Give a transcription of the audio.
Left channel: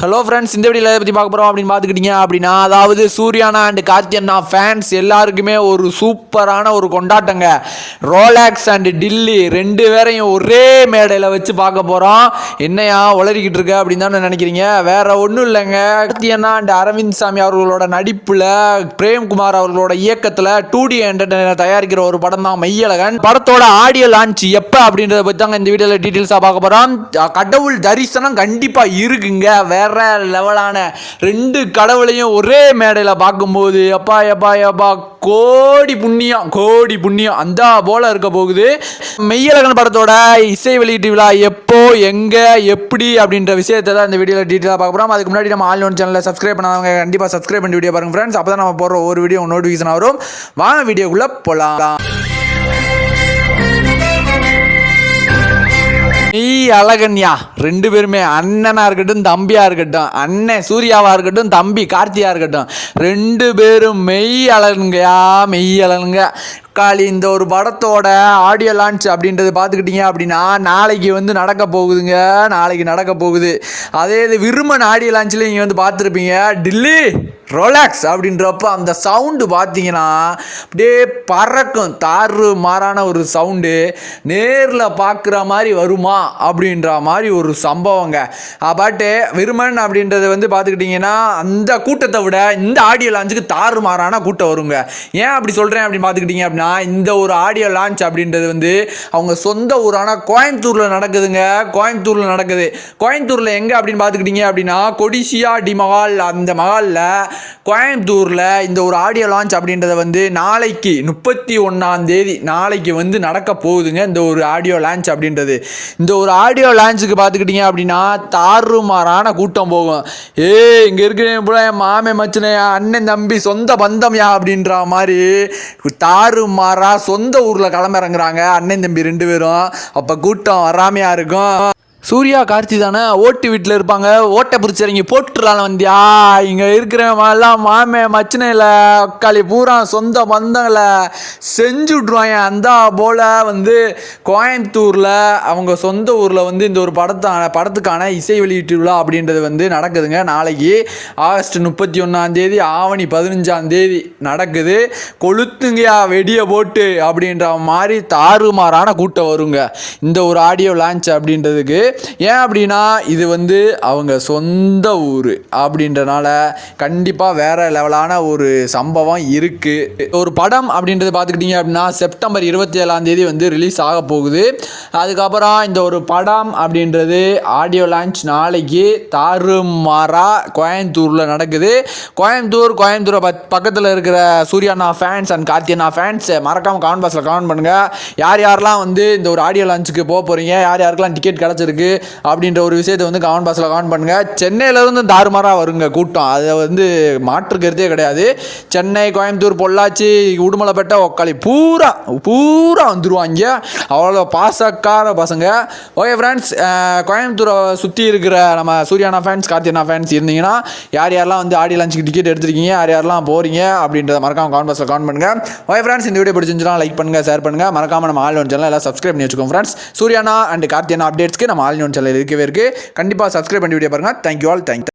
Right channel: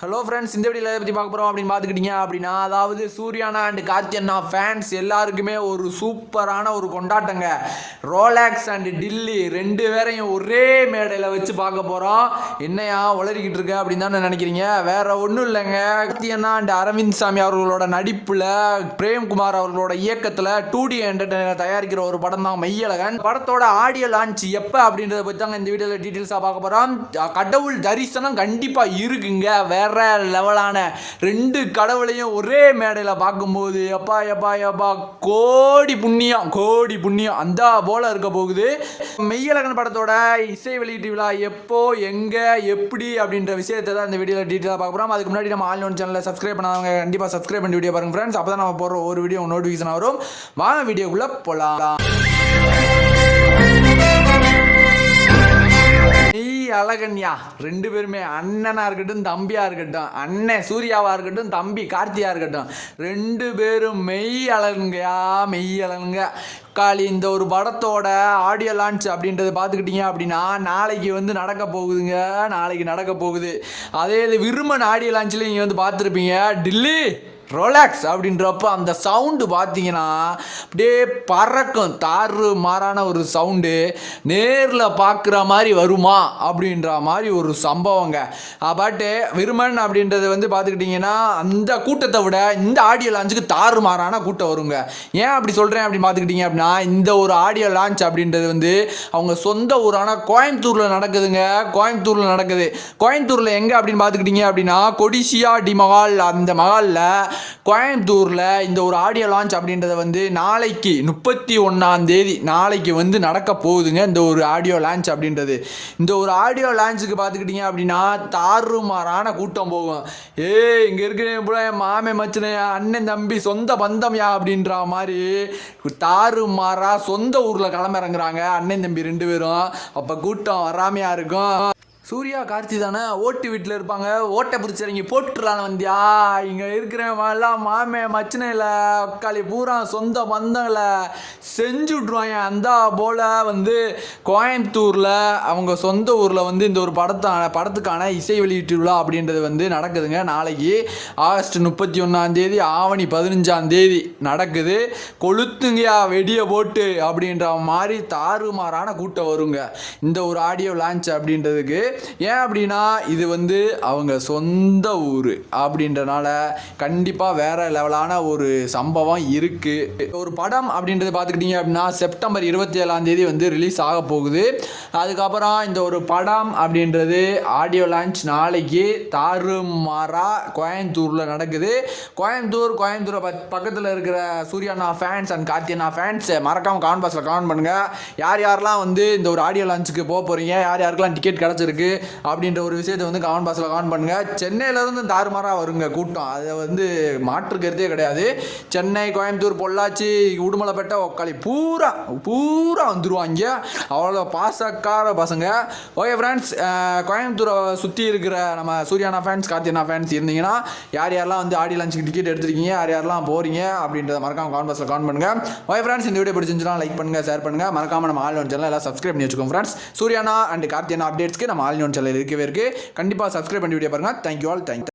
Hello friends இந்த வீடியோவில் எதை பற்றி பார்க்க போகிறோம் அப்படின்னு பார்த்துக்கிட்டீங்க அப்படின்னா அதாவது சூர்யானா அண்ட் கார்த்தியண்ணா ஃபேன்ஸ் எல்லாருக்குமே ஒரு சூப்பரான ஒரு கொண்டாட்டங்க. ரோலாக்ஸ் அண்ட் டில்லி ரெண்டு பேரையும் ஒரே மேடையில் வச்சு பார்க்க போகிறோம் என்னையா உளறிக்கிட்டு இருக்க அப்படின்னு தானே நினைக்கிறீங்க? வேறு ஒன்றும் இல்லைங்க. கார்த்தியண்ணா அண்ட் அரவிந்த் சாமி அவர்களோட நடிப்பில் பிரேம்குமார் அவர்களோட இயக்கத்தில் டூ டி என்டர்டைனர் தயாரிக்கிற ஒரு படம் தான் மையழகன் படத்தோட ஆடியோ லான்ச் எப்போ அப்படின்றத பற்றி தாங்க இந்த வீடியோவில் டீட்டெயில்ஸாக பார்க்க போகிறோம் கடவுள் தரிசனம் கண்டிப்பாக இருக்குங்க. வேற லெவலான ரெண்டு கடவுளையும் ஒரே மேடையில் பார்க்கும்போது அப்பா எப்பா எப்பா கோடி புண்ணியம் கோடி புண்ணியம். அந்த போல இருக்க போகுது. மெய்யழகன் படத்தோட இசை வெளியீட்டு விழா எப்போ எங்கே எப்படி அப்படின்ற விஷயத்தை தான் இந்த வீடியோவில் டீட்டெயிலாக பார்க்க போகிறோம் அதுக்கு முன்னாடி நம்ம ஆன்லைன் சேனலில் சப்ஸ்கிரைப் பண்ணாதவங்க கண்டிப்பாக சப்ஸ்கிரைப் பண்ணி வீடியோ பாருங்க ஃப்ரெண்ட்ஸ் அப்போ தான் நம்ம போடுற ஒரு வீடியோ நோட்டிஃபிகேஷன் வரும். வாங்க வீடியோக்குள்ளே போகலாம் அழகன்யா. ரெண்டு பேருமே அண்ணனாக இருக்கட்டும் தம்பியாக இருக்கட்டும் அண்ணன் சூர்யாவாக இருக்கட்டும் தம்பி கார்த்தியாக இருக்கட்டும் ரெண்டு பேரும் மெய் அழகுங்கயா மெய் அழகுங்க. காலி இந்த ஒரு படத்தோட ஆடியோ லான்ச் அப்படின்றத பார்த்துக்கிட்டீங்க அப்படின்னா நாளைக்கு வந்து நடக்க போகுதுங்க. நாளைக்கு நடக்க போகுது. அதே இது விருமன் ஆடியோ லான்ச்சில் நீங்கள் வந்து பார்த்துருப்பீங்க டில்லி ரொலாக்ஸ் அப்படின்றப்ப அந்த சவுண்டு பார்த்தீங்கன்னா அப்படியே பறக்கும். தாறு மாறான ஒரு சவுண்டு நேரில் பார்க்குற மாதிரி வருமா அப்படின்ற மாதிரி ஒரு சம்பவங்க. பாட்டு விருமன் அப்படின்றது வந்து பார்த்துக்கிட்டிங்கன்னா அந்த கூட்டத்தை விட இந்த ஆடியோ லான்ச்சுக்கு தாறு மாறான கூட்டம் வருங்க. ஏன் அப்படி சொல்கிறேன் அப்படின்னு பார்த்துக்கிட்டிங்க அப்படின்னா இந்த ஒரு ஆடியோ லான்ச் அப்படின்றது வந்து அவங்க சொந்த ஊரான கோயம்புத்தூரில் நடக்குதுங்க. கோயம்புத்தூரில் நடக்குது. கோயம்புத்தூரில் எங்கே அப்படின்னு பார்த்துக்கிட்டிங்க அப்படின்னா கொடிசியா டி மஹால். அந்த மஹாலில் கோயம்புத்தூரில் இந்த ஒரு ஆடியோ லான்ச் அப்படின்றத வந்து நாளைக்கு முப்பத்தி ஒன்றாம் தேதி நாளைக்கு வந்து நடக்க போகுதுங்க இந்த ஒரு ஆடியோ லான்ச் அப்படின்றது. இந்த ஒரு ஆடியோ லான்ச்சுக்கு பார்த்துக்கிட்டிங்க அப்படின்னா தாறுமாறான கூட்டம் போகும். ஏ இங்கே இருக்கிறேன் போல என் மாமே மச்சனே அண்ணன் தம்பி சொந்த பந்தம்யா அப்படின்ற மாதிரி மாறா சொந்த ஊரில் கிளம்பிறங்குறாங்க அண்ணன் தம்பி ரெண்டு பேரும். அப்போ கூட்டம் வராமையா இருக்கும். சூர்யா கார்த்தி தானே? ஓட்டு வீட்டில் இருப்பாங்க. ஓட்டை பிடிச்சிறங்கி போட்டுடலாம் வந்தியா? இங்கே இருக்கிறவெல்லாம் மாமே மச்சினையில் அக்காளி பூரா சொந்த பந்தங்களை செஞ்சு விட்ருவாங்க அந்த போல் வந்து கோயம்புத்தூரில் அவங்க சொந்த ஊரில் வந்து இந்த ஒரு படத்தான படத்துக்கான இசை வெளியீட்டு விழா அப்படின்றது வந்து நடக்குதுங்க. நாளைக்கு ஆகஸ்ட் முப்பத்தி ஒன்றாந்தேதி ஆவணி பதினஞ்சாந்தேதி நடக்குது. கொளுத்துங்கயா வெடியை போட்டு அப்படின்ற மாதிரி தாறுமாறான கூட்டம் வருங்க. இந்த ஒரு ஆடியோ லான்ச் அப்படின்றதுக்கு ஏன் அப்படின்னா இது வந்து அவங்க சொந்த ஊர். அப்படின்றனால கண்டிப்பாக வேறு லெவலான ஒரு சம்பவம் இருக்குது ஒரு படம் அப்படின்றது பார்த்துக்கிட்டிங்க அப்படின்னா செப்டம்பர் இருபத்தி ஏழாம் தேதி வந்து ரிலீஸ் ஆக போகுது. அதுக்கப்புறம் இந்த ஒரு படம் அப்படின்றது ஆடியோ லான்ச் நாளைக்கு தாறுமாறா கோயம்புத்தூரில் நடக்குது. கோயம்புத்தூர் கோயம்புத்தூரை பக் பக்கத்தில் இருக்கிற சூர்யாண்ணா ஃபேன்ஸ் அண்ட் கார்த்தியண்ணா ஃபேன்ஸ் மறக்காமல் கமெண்ட் பாக்ஸில் கமெண்ட் பண்ணுங்கள் யார் யாரெல்லாம் வந்து இந்த ஒரு ஆடியோ லான்ச்சுக்கு போக போகிறீங்க யார் யாருக்கெல்லாம் டிக்கெட் கிடச்சிருக்கு? அப்படின்ற ஒரு விஷயத்தை வந்து கமெண்ட் பாக்ஸில் கமெண்ட் பண்ணுங்கள் சென்னையிலேருந்து தாறுமாறாக வருங்க கூட்டம். அதை வந்து மாற்று கருத்தே கிடையாது. சென்னை கோயம்புத்தூர் பொள்ளாச்சி உடுமலைப்பேட்டை ஒக்காளி. பூரா பூரா வந்துருவாங்க அவ்வளோ பாசக்கார பசங்க. ஓகே ஃப்ரெண்ட்ஸ் கோயம்புத்தூரை சுற்றி இருக்கிற நம்ம சூர்யானா ஃபேன்ஸ் கார்த்தியனா ஃபேன்ஸ் இருந்தீங்கன்னா யார் யாரெல்லாம் வந்து ஆடி லஞ்சுக்கு டிக்கெட் எடுத்திருக்கீங்க யார் யாரெல்லாம் போகிறீங்க அப்படின்றத மறக்காம கமெண்ட் பாக்ஸில் கமெண்ட் பண்ணுங்கள் ஓகே ஃப்ரெண்ட்ஸ் இந்த வீடியோ பிடிச்சிருந்துச்சுன்னா லைக் பண்ணுங்கள் ஷேர் பண்ணுங்கள் மறக்காம நம்ம ஆல் ஒன் சேனல் எல்லாம் சப்ஸ்கிரைப் பண்ணி வச்சுக்கோங்க ஃப்ரெண்ட்ஸ் சூர்யானா அண்ட் கார்த்தியனா அப்டேட்ஸ்க்கு நம்ம ஆல் ஒன் சேனல் இருக்கவே இருக்குது கண்டிப்பாக சப்ஸ்கிரைப் பண்ணி வீடியோ பாருங்கள் தேங்க்யூ ஆல் தேங்க்